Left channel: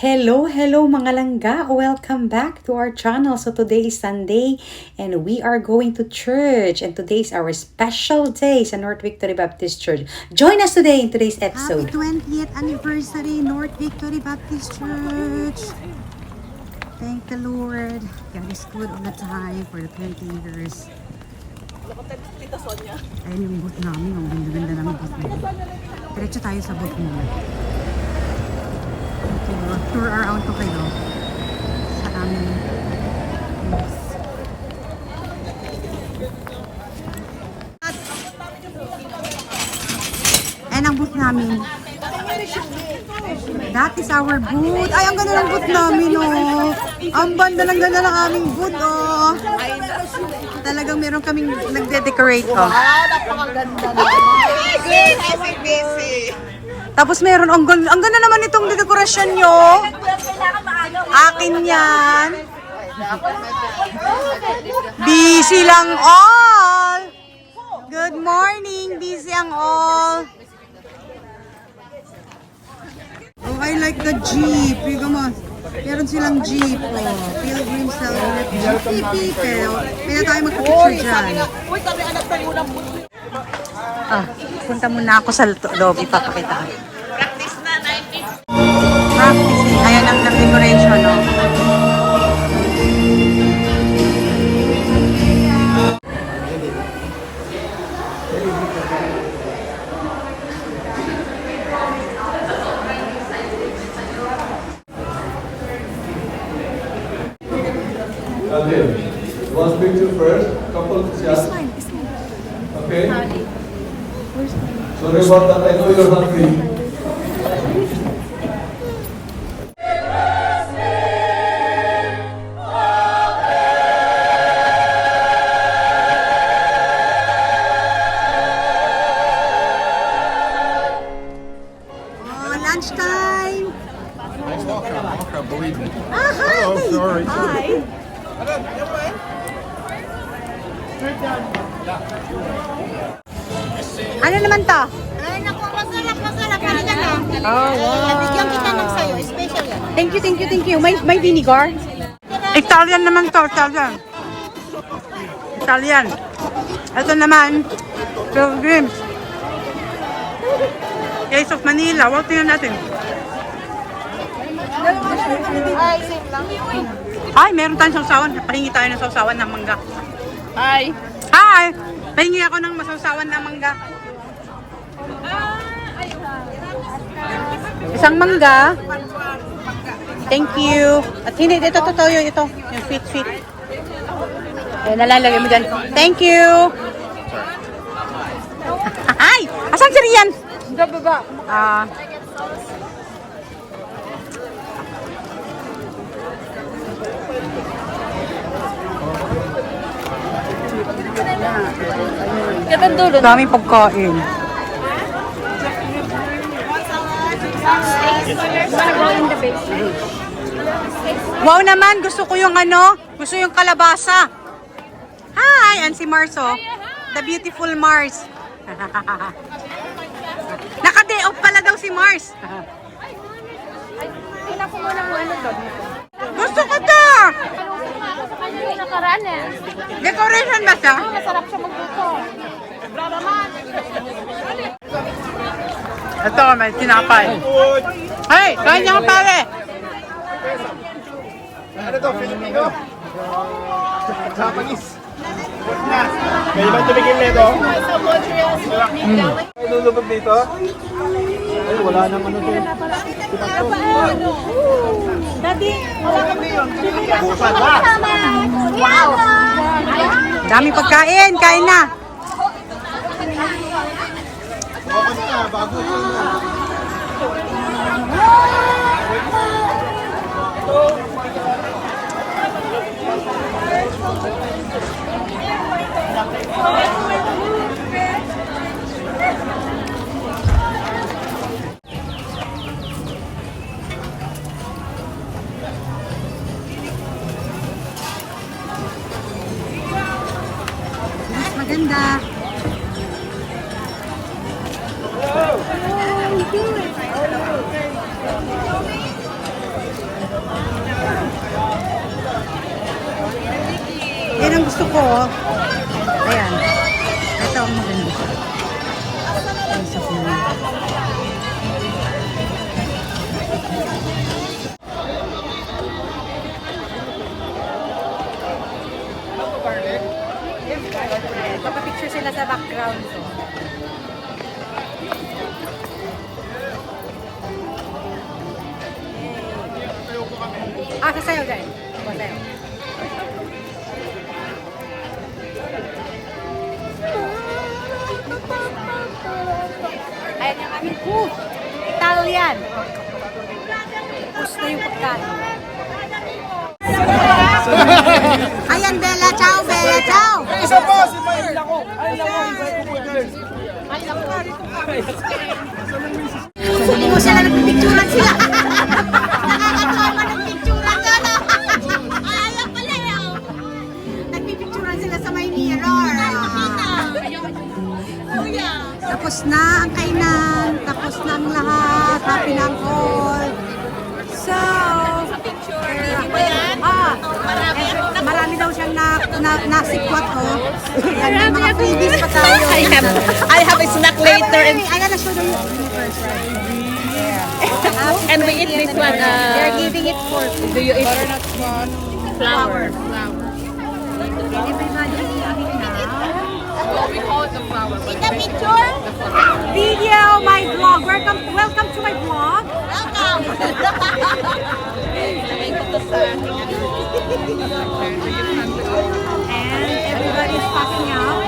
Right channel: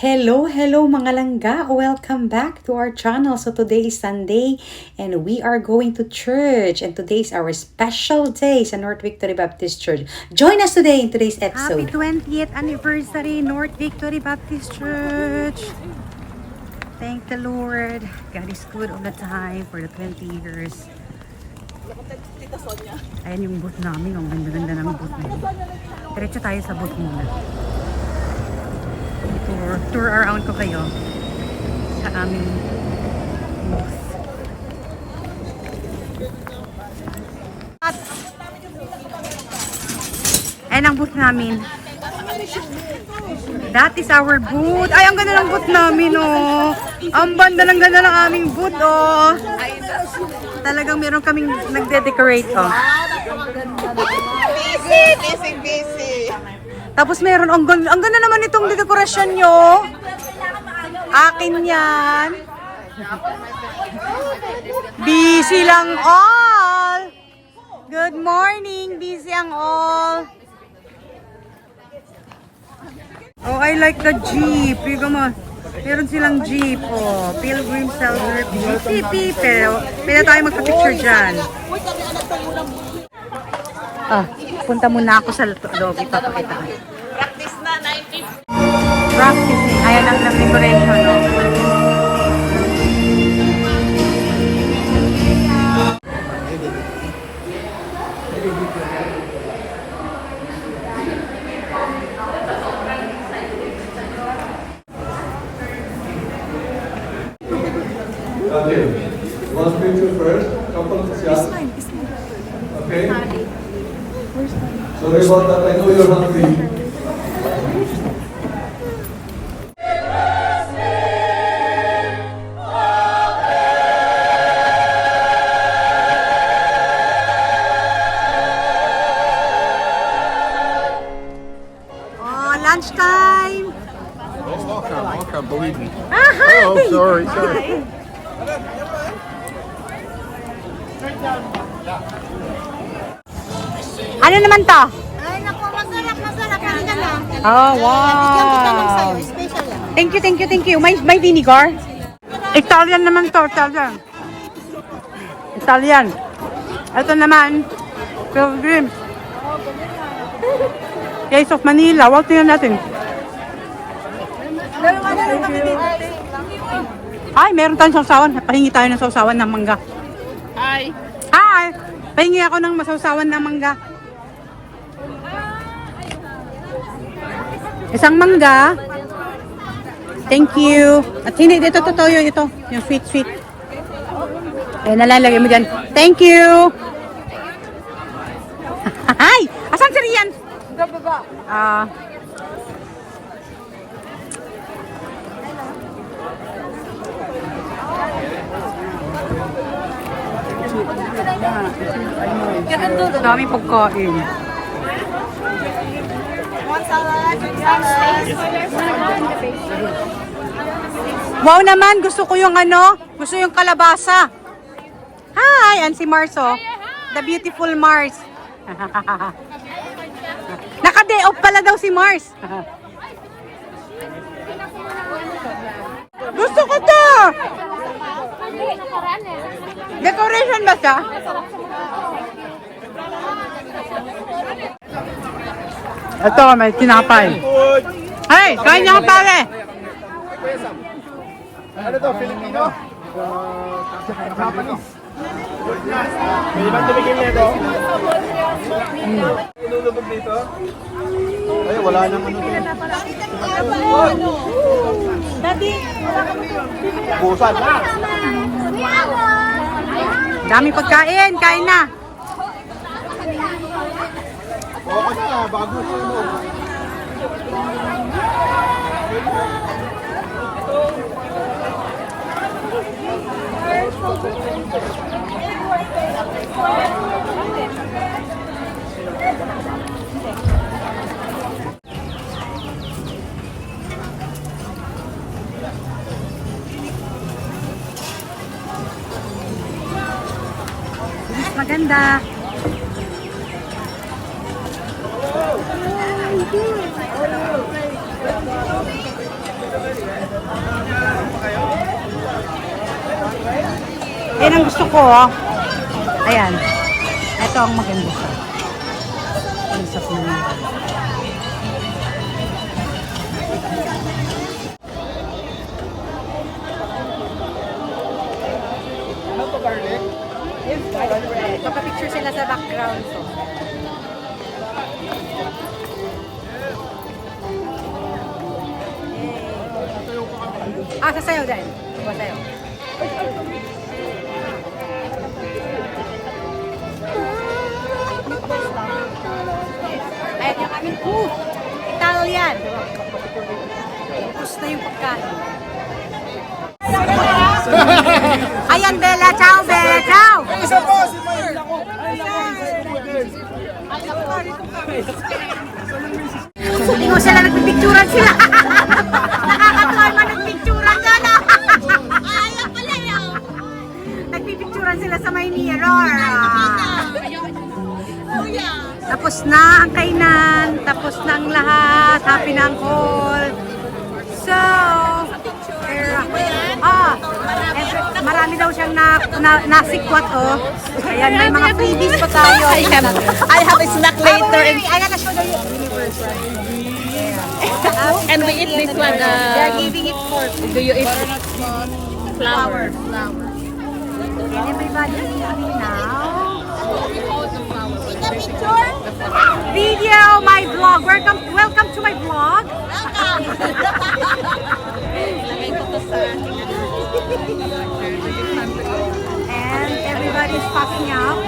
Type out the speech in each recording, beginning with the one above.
Hello mga langga! Welcome back to our channel. So today is Sunday and we are going to church and today is our special day sa North Victory Baptist Church. Join us today in today's episode. Happy 20th anniversary North Victory Baptist Church. Thank the Lord. God is good all the time for the 20 years. Ayan yung booth namin. Ang ganda-ganda ng booth namin. Diretso tayo sa booth muna. Tour around ko kayo sa aming booth. Ayan ang booth namin. That is our booth. Ay, ang ganda ng booth namin, oh. Ang banda ng ganda ng aming booth, oh. Talagang meron kaming nagde-decorate, oh. Tapos meron, ang ganda naman itong dekorasyon nyo. Akin yan. Busy lang all. Good morning, busy ang all. Oh, I like the jeep. Meron silang jeep. Oh, Pilgrim Celebrate GTP. Pero tayo magpa-picture dyan. Punta muna ako sa loob. Ipapakita ko. Practice eh. Ayan ang decoration, no? Last picture first, couple shots. Okay. Sorry about that, I know you're hungry. Oh, lunchtime! Can't believe it. Aha! Oh, sorry. Ano naman to? Ay, naku, masarap. Halika na. Oh, wow. Bigyan kita ng sayo. Special yan. Thank you. May vinegar? Italian naman to, Italian. Ito naman, Pilgrims. Case of Manila. Walk na natin. Ay, meron tayong sausawan. Pahingi tayo ng sausawan ng mangga. Hi! Pahingi ako ng masausawan ng mangga. Isang mangga. Thank you. At hindi, ito totoo yun. Ito, yung sweet. Ay, nalalagay mo dyan. Thank you. Ay! Asan si Rian? Daming pagkain. Wow naman, gusto ko yung gusto yung kalabasa. Hi, and si Mars, oh. The beautiful Mars. Naka-day off pala daw si Mars. Gusto ko to. Decoration ba siya? Ito, may tinapay. Hey, kain na ka pare! Ano to, Filipino? Japanese. May ibang tumigil nito? Nulubog dito? Wala naman ito. Daddy, wala kami. Busan na! Wow! Dami pagkain, kain na. Bukas na, bago ito. Maganda. Yan ang gusto ko. Oh. Ayan. Ito ang maganda. Usap na lang. Papapicture sila sa background ko. Ah, sasayaw dahil. Sasayaw. Ayan yung aming booth. Italian. Ubus na yung pagkain. Ayan, Bella. Ciao, Bella. Ciao. Isa po, si Mayle ako. Hindi mo sila nagpipicturan sila. Nakakatuwa naman nagpicturan sila. Ayaw pala yun. Nagpipicturan sila sa may mirror. Kuya. Tapos na ang kainan. Tapos na ang lahat. Happy na ang all. So, marami daw siyang nasikwat, oh. Ayan, may mga freebies pa tayo. I have a snack later and, I gotta show the universe. and we eat this one. They're giving it for Do you eat flower? everybody is eating now. Take a picture. Video, my vlog. Welcome to my vlog. Welcome. And everybody's packing out.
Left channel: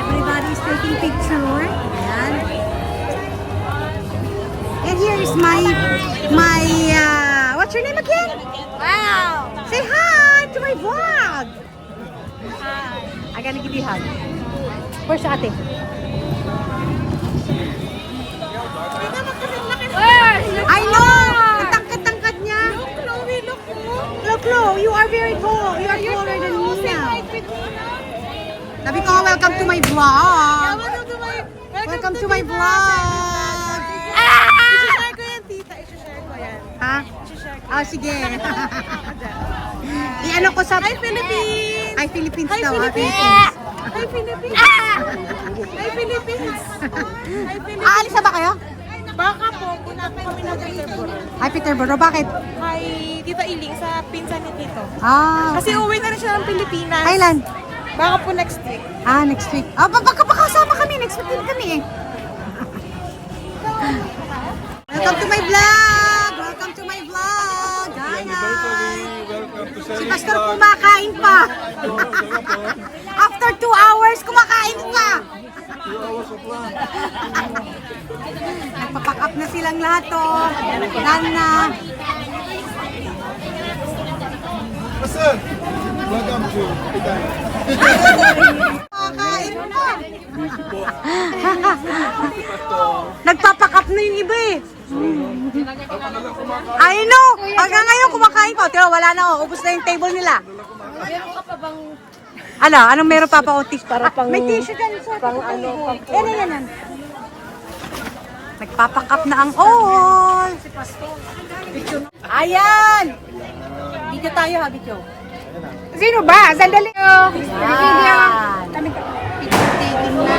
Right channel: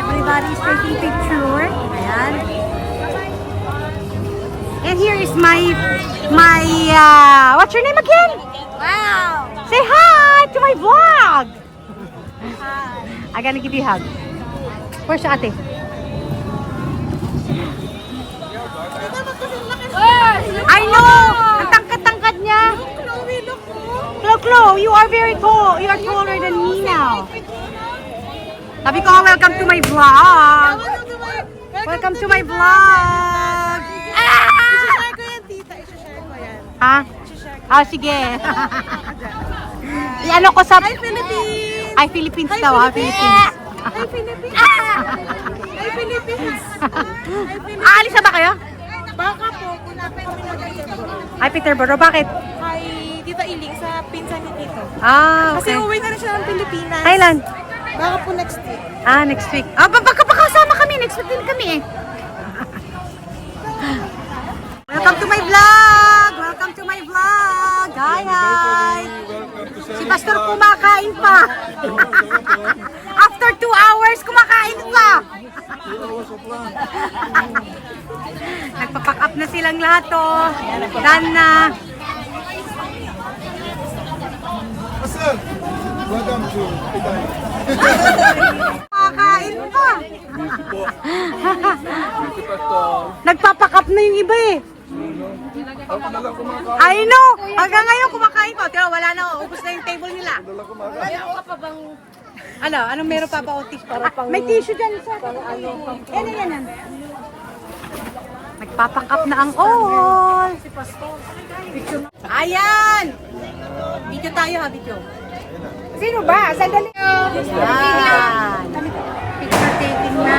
Everybody's taking picture. Ayan. And here is my what's your name again? Wow. Say hi to my vlog. Hi. I'm gonna give you a hug. Where's your ate? I know! Ang tangkad-tangkad niya. Chloe, look mo. Look, Chloe, you are very cool. You are taller than me now. Sabi ko, welcome to my vlog. Welcome to my vlog. I-share ko yan, tita. I-share ko yan. Ha? I-share ko. Oh, sige. I-ano ko sa... Hi, Philippines! Ay, Philippines Hi, daw, ha? Philippines! Philippines. Hi, Philippines! Hi, Philippines! Hi, Philippines! Aalis na ba kayo? Baka po, punta po kami ng Peterborough. Ay, Peterborough. Bakit? Kay Tita Iling sa pinsan ni Tito. Ah, Kasi okay. uwi na rin siya ng Pilipinas. Kailan? Baka po next week. Ah, next week. Ah, baka pakasama kami. Next week din kami eh. Welcome to my vlog! Welcome to my vlog! Hi, hi! Welcome to Si Pastor kumakain pa. After 2 hours, kumakain pa. 2 hours of lunch. Nagpapack up na silang lahat, oh. Done na. Pastor, welcome to Italy. Kumakain pa. Po. Si Pastor. Nagpapack up na yung iba eh. Ako na lang kumakain. I know! Hanggang ngayon kumakain pa. Pero wala na, oh. Ubus na yung table nila. Meron ka pa bang Ano? Anong meron pa pa o tissue? May tissue dyan sa yan. Nagpapack up na ang all. Ayan! Video tayo ha, video. Sino ba? Sandali. Ayan. Picture taking na.